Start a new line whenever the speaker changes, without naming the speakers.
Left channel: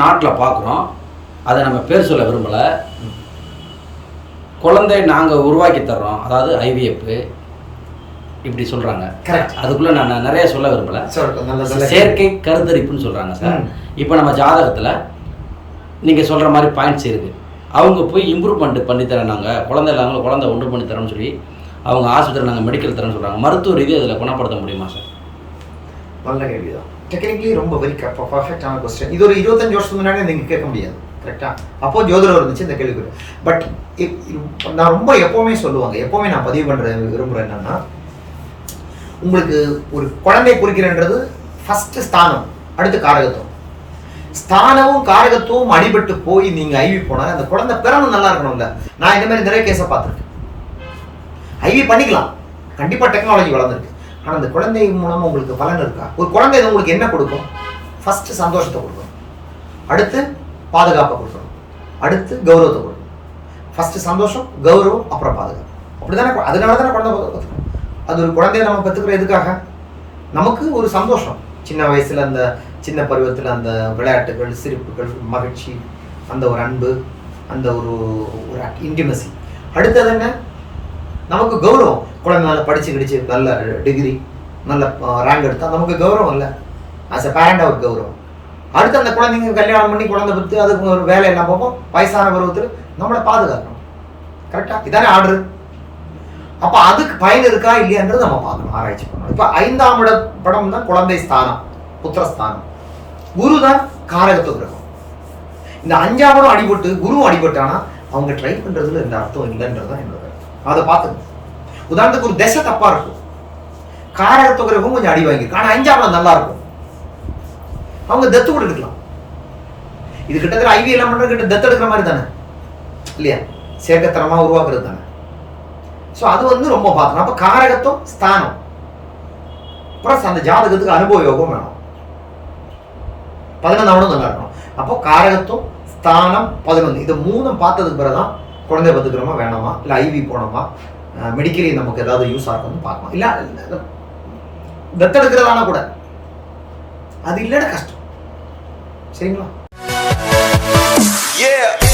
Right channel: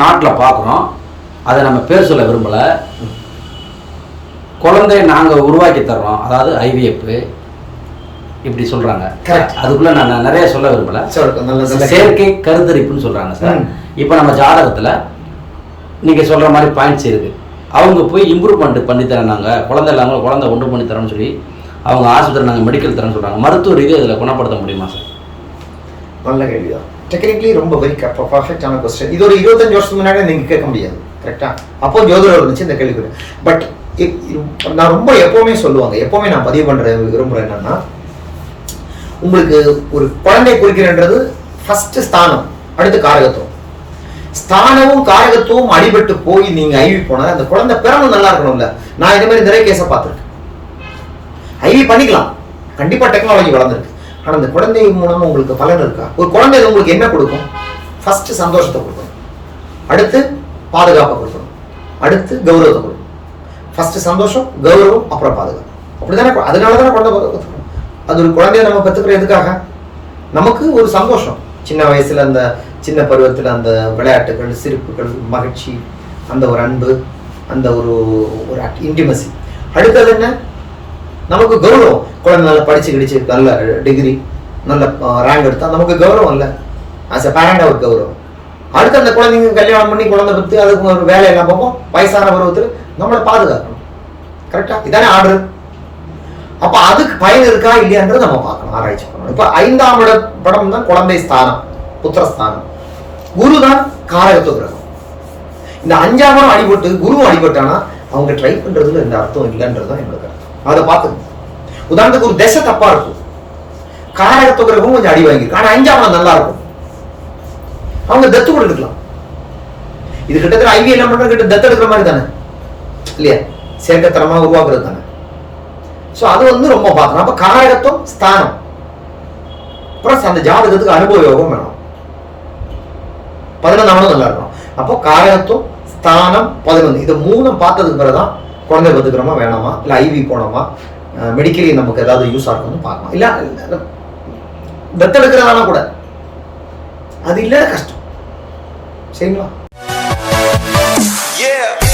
நாட்டில் பார்க்குறோம் அதை நம்ம பேர் சொல்ல விரும்பலை. குழந்தைய நாங்கள் உருவாக்கி தர்றோம். அதாவது ஐவிஎஃப். இப்படி சொல்கிறாங்க. அதுக்குள்ளே நான் நிறைய சொல்ல விரும்பலை. செயற்கை கருத்தரிப்புன்னு சொல்கிறாங்க சார். இப்போ நம்ம ஜாதகத்தில் நீங்கள் சொல்கிற மாதிரி பாயிண்ட்ஸ் இருக்குது அவங்க போய் இம்ப்ரூவ்மெண்ட் பண்ணித்தரேன் நாங்கள் குழந்தை இல்லாமல் குழந்தை ஒன்று பண்ணி தரோம்னு சொல்லி அவங்க ஆஸ்பத்திரி நாங்கள் மெடிக்கல் தரேன்னு சொல்கிறாங்க மருத்துவ ரீதியாக இதில் குணப்படுத்த முடியுமா சார்?
நல்ல கேள்விதான். டெக்னிக்கலி ரொம்ப வெரி பர்ஃபெக்டான கொஸ்டின் இது ஒரு இருபத்தஞ்சு வருஷத்துக்கு முன்னாடி நீங்க கேட்க முடியாது. கரெக்டா அப்போ ஜோதிடர் இருந்துச்சு இந்த கேள்வி பட் நான் ரொம்ப எப்பவுமே சொல்லுவாங்க. எப்பவுமே நான் பதிவு பண்ற விரும்புகிறேன் என்னன்னா உங்களுக்கு ஒரு குழந்தை குறிக்கிறன்றது ஃபர்ஸ்ட் ஸ்தானம் அடுத்து காரகத்துவம். ஸ்தானமும் காரகத்துவம் அடிபட்டு போய் நீங்க ஐவி போனா அந்த குழந்தை பிறந்து நல்லா இருக்கணும்ல. நான் இந்த மாதிரி நிறைய கேஸை பார்த்துருக்கேன். ஐவி பண்ணிக்கலாம். கண்டிப்பா டெக்னாலஜி வளர்ந்துருக்கு. ஆனால் அந்த குழந்தை மூலமாக உங்களுக்கு பலன் இருக்கா? ஒரு குழந்தை உங்களுக்கு என்ன கொடுக்கும்? ஃபஸ்ட்டு சந்தோஷத்தை கொடுக்கணும் அடுத்து பாதுகாப்பை கொடுக்கணும் அடுத்து கௌரவத்தை கொடுக்கணும் ஃபஸ்ட்டு சந்தோஷம் கௌரவம் அப்புறம் பாதுகாப்பு. அப்படி தானே அதனால தானே குழந்தை கற்றுக்கணும் அது ஒரு குழந்தைய நம்ம பெற்றுக்கிற எதுக்காக? நமக்கு ஒரு சந்தோஷம். சின்ன வயசில் அந்த சின்ன பருவத்தில் அந்த விளையாட்டுகள் சிரிப்புகள் மகிழ்ச்சி அந்த ஒரு அன்பு அந்த ஒரு ஒரு இன்டிமசி அடுத்தது என்ன? நமக்கு கௌரவம். குழந்தை நல்லா படிச்சு கிடிச்சு நல்ல டிகிரி நல்ல ரேங்க் எடுத்தால் நமக்கு கௌரவம் இல்லை. ஆஸ் எ பேரண்ட் ஒரு கௌரவம். அடுத்து அந்த குழந்தைங்க கல்யாணம் பண்ணி குழந்தை பத்து அதுக்கு ஒரு வேலையெல்லாம் பார்ப்போம். வயசான பருவத்தில் நம்மளை பாதுகாக்கணும். கரெக்டா இதானே ஆர்டர் அப்ப அதுக்கு பயன் இருக்கா இல்லையான்றது நம்ம பார்க்கணும் ஆராய்ச்சி பண்ணணும். இப்ப ஐந்தாம் இட படம் தான் குழந்தை ஸ்தானம் புத்திரஸ்தானம். குரு தான் காரகத்துவ கிரகம். இந்த அஞ்சாம் அடிபட்டு குருவும் அடிபட்டானா அவங்க ட்ரை பண்றதுல எந்த அர்த்தம் இல்லைன்றது தான் என்னோட கருத்து. அதை பார்த்துக்கணும் உதாரணத்துக்கு ஒரு திசை தப்பா இருக்கும். காரகத்துவ கிரகம் கொஞ்சம் அடி வாங்கியிருக்கு. ஆனா அஞ்சாம் நல்லா இருக்கும். அவங்க தத்து கூட எடுக்கலாம். இது கிட்டத்தட்ட ஐவி எல்லாம் பண்றது? கிட்ட தத்து எடுக்கிற மாதிரி தானே. இல்லையா? சேர்க்கத்தனமா உருவாக்குறது தானே. ஸோ அது வந்து ரொம்ப பார்க்கணும் அப்ப காரகத்துவம் ஸ்தானம். ப்ளஸ் அந்த ஜாதகத்துக்கு அனுபவ யோகம் வேணும் பதினொன்றாவது நல்லா இருக்கும் அப்போ காரகத்துவம் ஸ்தானம் பதினொன்று இது மூணும் பார்த்ததுக்கு பிறகுதான் குழந்தை பத்துக்கிறோமா வேணாமா இல்லை ஐவி போனோமா? மெடிக்கலி நமக்கு ஏதாவது யூஸ் ஆகணும்னு பார்க்கலாம் இல்லை தத்தெடுக்கிறதானா கூட. அது இல்லை கஷ்டம். சரிங்களா?
Yeah.